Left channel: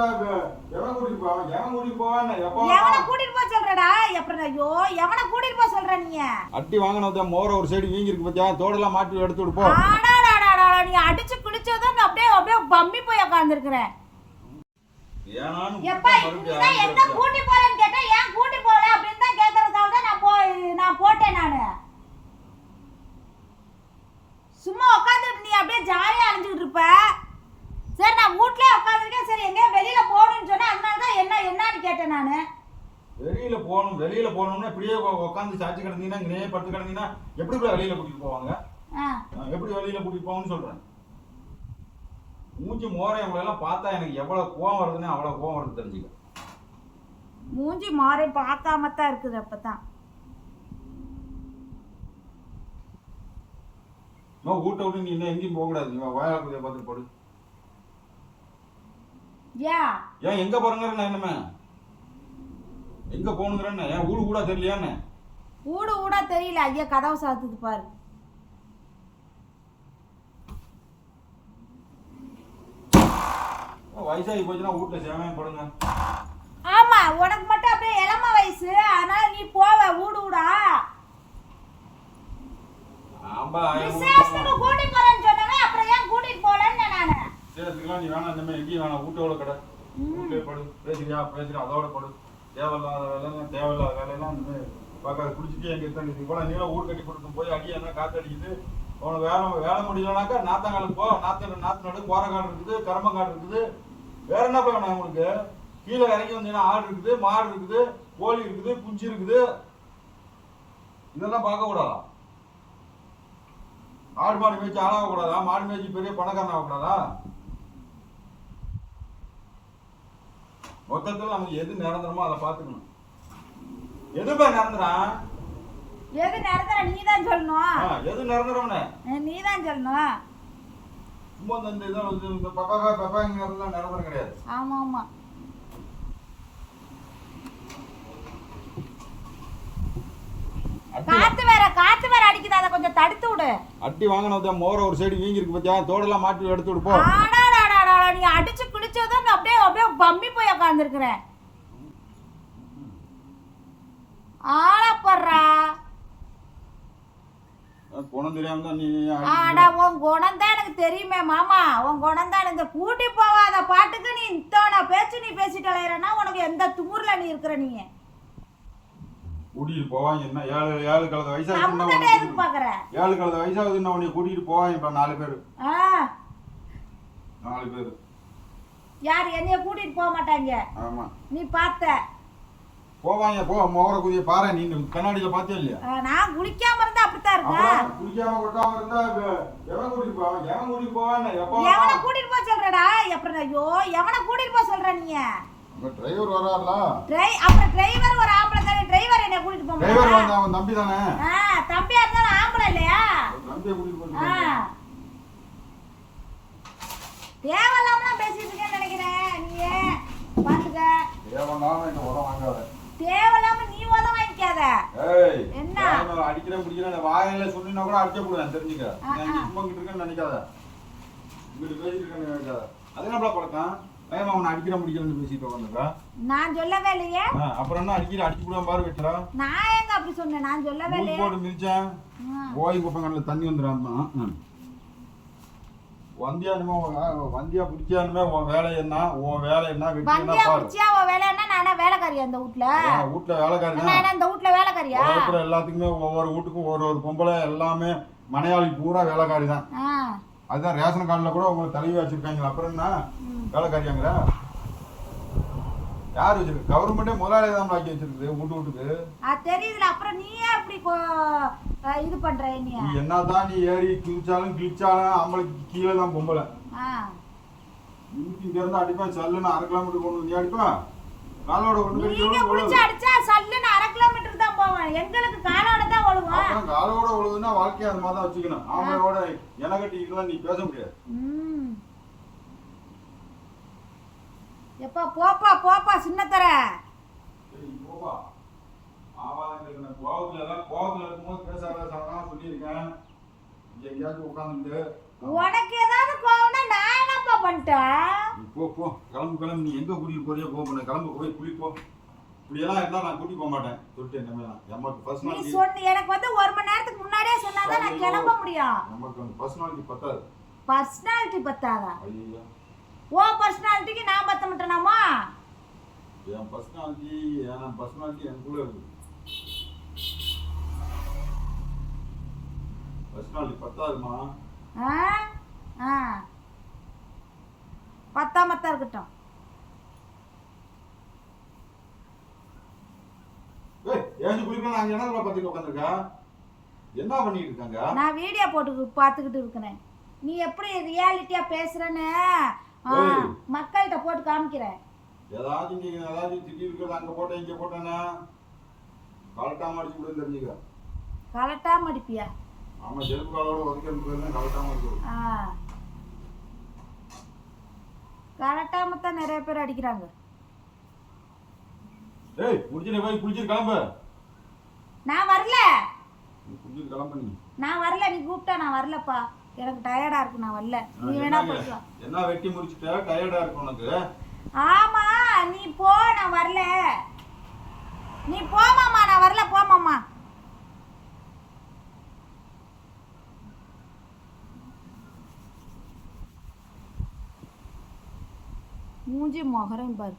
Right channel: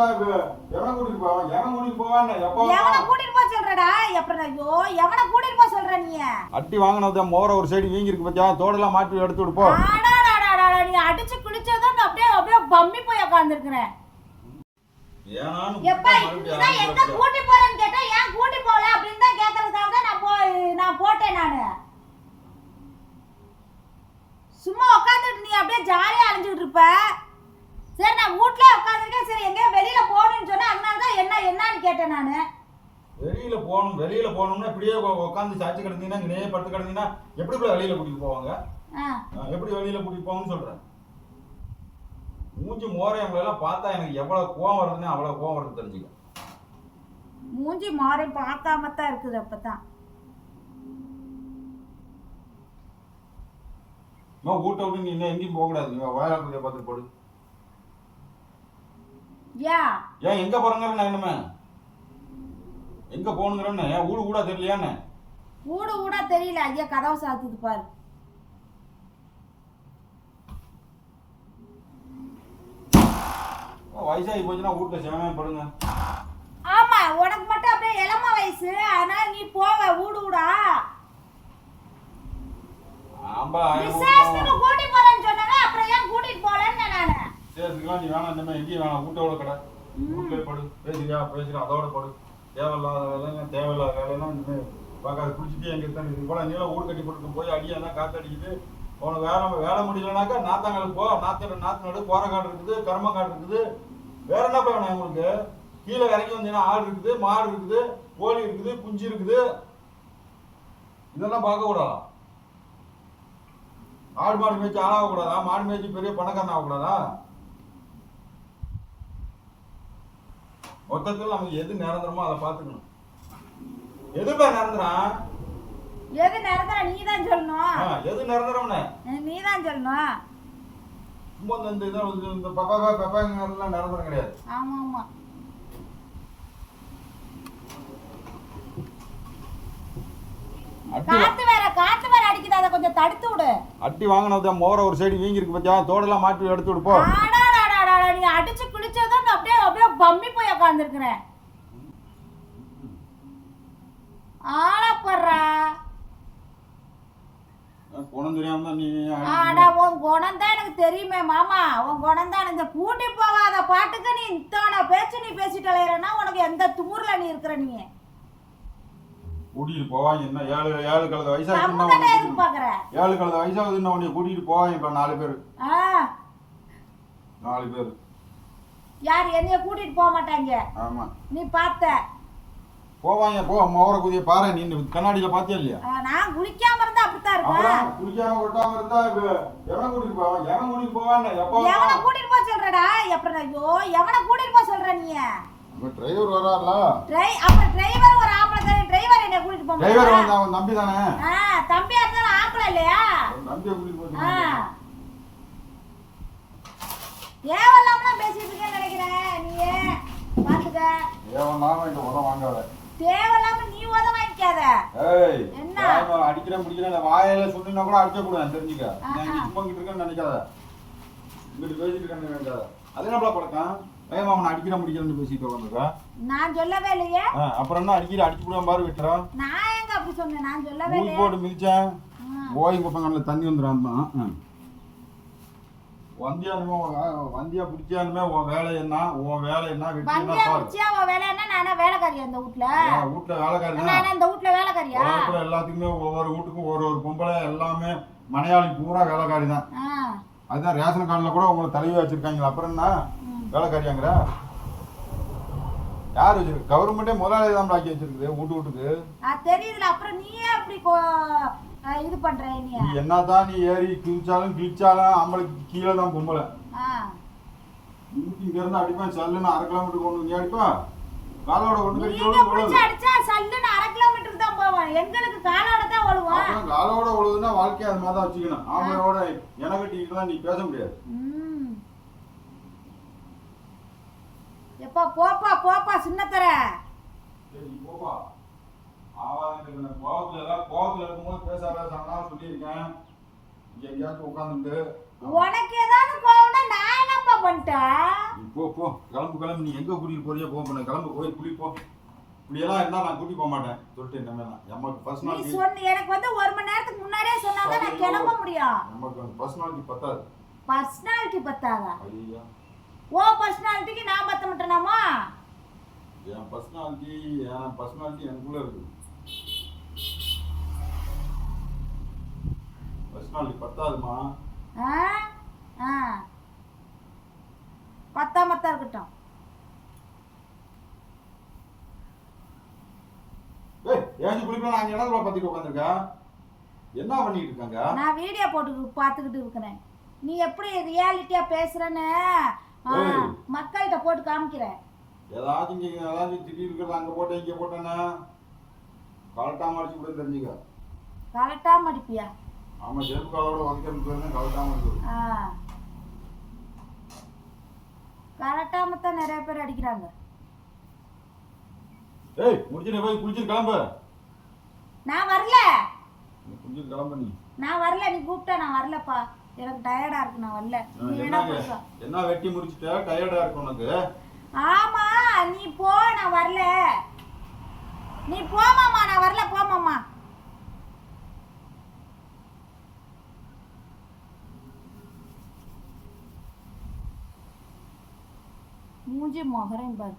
எவனை கூட்டிட்டு போவான் எவன் கூட்டிட்டு போவான்னு எப்போ? எவனை கூட்டிட்டு போக சொல்றடா? எப்படி ஐயோ எவனை கூட்டிட்டு போக சொல்ற நீ? அட்டி வாங்கினது மோர ஒரு சைடு வீங்கி இருக்கு பத்தியா? தோடெல்லாம் மாட்டி எடுத்து விடு போ. நீ அடிச்சு குளிச்சதும் அப்படியே அப்படியே பம்மி போய் உட்காந்துருக்கிறேன் எப்பா நீதான் எங்க கூட்டி போறேன்னு கேட்டா ஏன் கூட்டி போல அப்படின்னு தான் கேக்குறதுக்காக தான் நான் போ நான் போட்டேன் நானு. சும்மா உட்காந்துட்டு நீ அப்படியே ஜாலியா அலைஞ்சுக்கிட்டு இருப்ப. நான் வீட்லயே உட்காந்துருக்கேன் சரி எங்கேயும் வெளியில போகணும்னு சொன்னேன் அதனால தான் என்ன என்னன்னு கேட்டேன் நானு. வெளியில போகணும் வெளியில போகணும்னா இப்படியே உட்காந்து சாச்சி கிடந்தீங்கன்னா இங்கே படுத்து கிடந்தீங்கன்னா எப்படி இப்படி வெளியில கூட்டிட்டு போவாங்க? எப்படி வெளியில கூட்டிட்டு போவாங்கன்னு சொல்றேன். மூஞ்சி மோரை எல்லாம் பார்த்தா எனக்கு எவ்வளவு கோவம் வருதுன்னு அவ்வளவு கோவம் வருது தெரிஞ்சுக்க. மூஞ்சி மாறி பார்க்காம தான் இருக்குது அப்பதான் வீட்டை விட்டு நீ இன்னும் எங்கேயும் போக கூடாது நீ வாயில பத்தியா பார்த்துட்டு போடு. ஏன் எங்க போறேங்கிற நான் என்னமே எங்க போகணுங்கிறேன்னு? ஏன் ஊடு கூட தெரியலையான்னு? ஊடு ஊடா தெரியல. ஐயா கதவை சாத்துது பாரு. வயசாகி போச்சுன்னா வீட்டுல சேவையா படுங்க. ஆமா உனக்கு மட்டும் அப்படியே இளம வயசு. அதனால நீ போவ ஊடு ஊடா. ஆம்பா விசேஷத்துக்கு கூட்டி போறேன்னு சொன்னாங்க அப்புறம் ஏன் கூட்டிட்டு போலன்னு நானு சேர்த்துக்கலாம் நீ வேணாம் இனிமே எங்கேயும் வேணாம். வீட்டோட கடை. வீட்டிலே படு. பேசுறியா பேசுறியா அதோட படு. தேவையில்லாத வேலை தேவையில்லாத வேலையெல்லாம் இனிமே பார்க்காத குடிச்சிட்டு எங்க இருக்க. இது போல நீலாம் ஊடு கட்டி போட்டு போய் அடியா காத்து அடிக்குது. உனக்கு வேலை வேலை முடியலனாக்கா நாத்தங்காலுக்கு போ. நாத்த நாத்து நடு கோரக்காடு இருக்குது கரும்பங்காடு இருக்குது. வேற என்ன வேணும் உங்களுக்கு கீழே இறங்கி வந்தீங்கன்னா ஆடு இருக்குது மாடு இருக்குது கோழி இருக்குது குஞ்சு இருக்குது. இதெல்லாம் பார்க்க கூடாதா? ஆடு மாடு மேய்ச்சி ஆளாக கூடாதா? மாடு மேய்ச்சி பெரிய பணக்காரன் ஆகக்கூடாதா மொத்தத்தில் நமக்கு எது நிரந்தரமோ அதை பார்த்துக்கணும். எது போய் நிரந்தரம் எது நிரந்தர நீ தான் சொல்லணும் எது நிரந்தரம்னு? நீ தான் சொல்லணும். சும்மா இந்த இந்த இதை வந்து இந்த பப்பா பப்பாங்கிறதுலாம் நிரந்தரம் கிடையாது. காத்து வேற காத்து வேற அடிக்குது. அதை கொஞ்சம் தடுத்து விடு. அட்டி வாங்கினது மோர ஒரு சைடு வீங்கி இருக்கு பத்தியா? தோடெல்லாம் மாட்டி எடுத்து விடு போ. ஆடாடாடாடா நீ அடிச்சு குளிச்சதும் அப்படியே அப்படியே பம்மி போய் உட்காந்துருக்கிறேன் ஆளப்படுறா அடிச்சு உன் குணம் தான் எனக்கு தெரியுமே மாமா. உன் குணம் தான் இந்த கூட்டி போகாத பாட்டுக்கு நீ இத்தனை பேச்சு நீ பேசிட்டு அலையறனா உனக்கு எந்த துமுறுல நீ இருக்கிற நீ? கூட்டிட்டு போவாங்க என்ன? ஏழு ஏழு கலந்த பாக்குற ஏழு கலந்த வயசாகுதுன்னு உன்னை கூட்டிட்டு போவாங்க இப்ப நாலு பேர். நாலு பேர். யார் என்னைய கூட்டிட்டு போக மாட்டாங்க? ஆமா. நீ பார்த்த. போவாங்க போ. மோர குதிய பாரு. நீ கண்ணாடியில பாத்தியா இல்லையா? நான் குளிக்காம இருந்தா அப்படித்தான் இருக்கேன் குளிக்காம கொட்டாம இருந்தா எவன் கூட்டிட்டு போவான் எவன் கூட்டிட்டு போவான்னு எப்போ எவனை கூட்டிட்டு போக சொல்றடா? எப்படி ஐயோ எவனை கூட்டிட்டு போக சொல்ற நீ? உங்க டிரைவர் வராரா டிரை அப்புறம் டிரைவர் ஒரு ஆம்பளை தானே. டிரைவர் என்ன கூட்டிட்டு போக டிரைவர் வந்து அவன் நம்பி தானே? ஆ தம்பியா இருந்தாலும் ஆம்பளை இல்லையா? நம்பியை கூட்டிட்டு போச்சு தேவையில்லாமலாம் பேசிட்டு நீ பாத்துக்க. ஏவனாலும் இந்த உதவ வாங்காத. தேவையில்லாம நீ உத வாங்கிக்காத. ஏய் என்ன? அடிக்கிறேன் முடிக்கிறேன் இந்த வாயில சுட்டினா கூட அடிச்ச கூடாது. தெரிஞ்சுக்க. நான். சும்மா கிட்ட இருக்கேன்னு நினைக்காத. இங்கிட்டு பேசிட்டு இருக்கேன்னு நினைக்காத. அது பழக்கம்? அவனை அடிக்கிற முடிக்கிறேன்னு பேசிட்டு உட்காந்துருக்கா நான் சொல்லவே இல்லையே. அப்புறம் என்ன அடிக்கிற? அடிச்சு கூட பாரு விட்டுறோம் நான் எங்க அப்படி சொன்னேன்? நான் சொல்லவே இல்லையே. போட்டு மிதிச்சேன். போய் குப்பங்கள்ல தண்ணி வந்துடாமா வந்தியானுமே உன் வந்தியா பிடிச்சானுமே உன் வேலை என்ன? உன் வேலை என்ன என்ன வந்தியா பாரு. முடிச்சியா அவ வேலைன்னா நானா வேலைக்காரியா இந்த வீட்ல? ஏன் வீட்டுல வேலைக்காரி நானா இந்த வீட்ல வேலைக்காரியா? உலகத்துல எல்லாத்துக்குமே ஒவ்வொரு வீட்டுக்கும் ஒரு ஒரு பொம்பளை எல்லாமே மலையாளி பூரா வேலைக்காரி தான் அதுதான் ரேஷன் கார்டில் கூட உங்களை தலைவி வச்சிருக்காங்க அப்புறம் என்ன? ம். வேலைக்காரியாங்கிற? யார் வச்சிருக்கு? கவர்மெண்டே முதலாளி தான் ஆக்கி வச்சிருக்கு வீட்டு வீட்டுக்கு. தெரியுதுல அப்புறம் நீ ஏன் அப்படி இது பண்ற என்னைய நீ என்னதான் நீ ஏறி கிழிச்சாலும் கிழிச்சாலும் ஆம்பளைக்கு கீழே தான் பொம்பளை. இங்க இருந்து அடிப்பேன் செல்லுன்னு அரை கிலோமீட்டர் கொண்டு வந்து அடிப்பேன் காலோட கொண்டு நீங்க புடிச்சு? அடிச்சா சல்லுன்னு அரை கிலோமீட்டர் தான் போவேன். எங்களுக்கு காலோட தான் ஓடுவான் அப்புறம் காலோட உழுவுதுன்னா வாழ்க்கையை அது மாதிரி தான் வச்சுக்கணும். ஆம்பளோட என கட்டிக்கலாம் நீ பேச முடியாது. எப்பா போப்பா போப்பா சின்னத்தர. போப்பா. ஆவாதம் கோவத்துல எல்லாம் கோவத்துல இருக்கும்போது பேசாத சொன்னா சொல்லியிருக்கேன். இங்க எங்கேயாச்சும் உட்காந்துட்டு உனக்கு ஏதாவது கோவம்னா நான் என்னப்பா பண்ணிட்ட நீ போ போ. கிளம்பு கிளம்பு. நீ எங்க கூட்டிட்டு போறியோ போ பண்ணு. கிளம்பு போய் குளி போ இப்படியெல்லாம் இருந்தா நான் கூட்டி போக மாட்டேன். சொல்லிட்டேன் நம்ம நமக்கு பர்சனாலிட்டி சொன்ன எனக்கு வந்து ஒரு மணி நேரத்துக்கு முன்னாடியே சொன்னாதான் நான் கிளம்ப முடியும். நமக்கு பர்சனாலிட்டி பத்தாது. பர்சனாலிட்டி பத்தாதா? ஐயா ஓ பர்சனாலிட்டிக்கு நான் பத்த மாட்டேனாமா என் பர்சனாலிட்டி என் பர்சனாலிட்டி எனக்குள்ள பத்தாமத்தான் இருக்கட்டும். என்ன பண்ணிட்டு இருக்காங்க? நான் வீடியோ போட்டு பார்த்துக்கிட்டு இருக்கிறேன். நீ எப்படி ரியாலிட்டியா பேசுறேன்னு. மக்கள்கிட்ட போட்டு காமிக்கிறேன். ஏதாச்சும் இங்க ஏதாச்சும் திடீர் இருக்கிறது அங்க போட்டேன் இங்க போட்டேன்னா? கலட்டாம அடிச்சு விட தெரிஞ்சுக்க கலட்டாம அடிப்பியா ஆமா செருப்பு காலோட உதைக்கிறது கலட்டாம ஆ கலட்டாம தான் நிறைய பேர் அடிக்கிறாங்க ஏய் முடிச்சு போய் குளிச்சிட்டு கிளம்பு நான் வரல நீ குளிச்சிட்டு கிளம்பு நீ நான் வரல நீ கூப்பிட்டா நான் வரலப்பா எனக்கு டயர்டா இருக்கு நான் வரல நீ வேணா வா என்ன வெட்டி முடிச்சிட்ட டயர்டா இருக்கு உனக்கு ஆமா நீ போ நான் வரல நீ போமாமா நான் வரல போமாமா மூஞ்சி முகரையும் பாரு.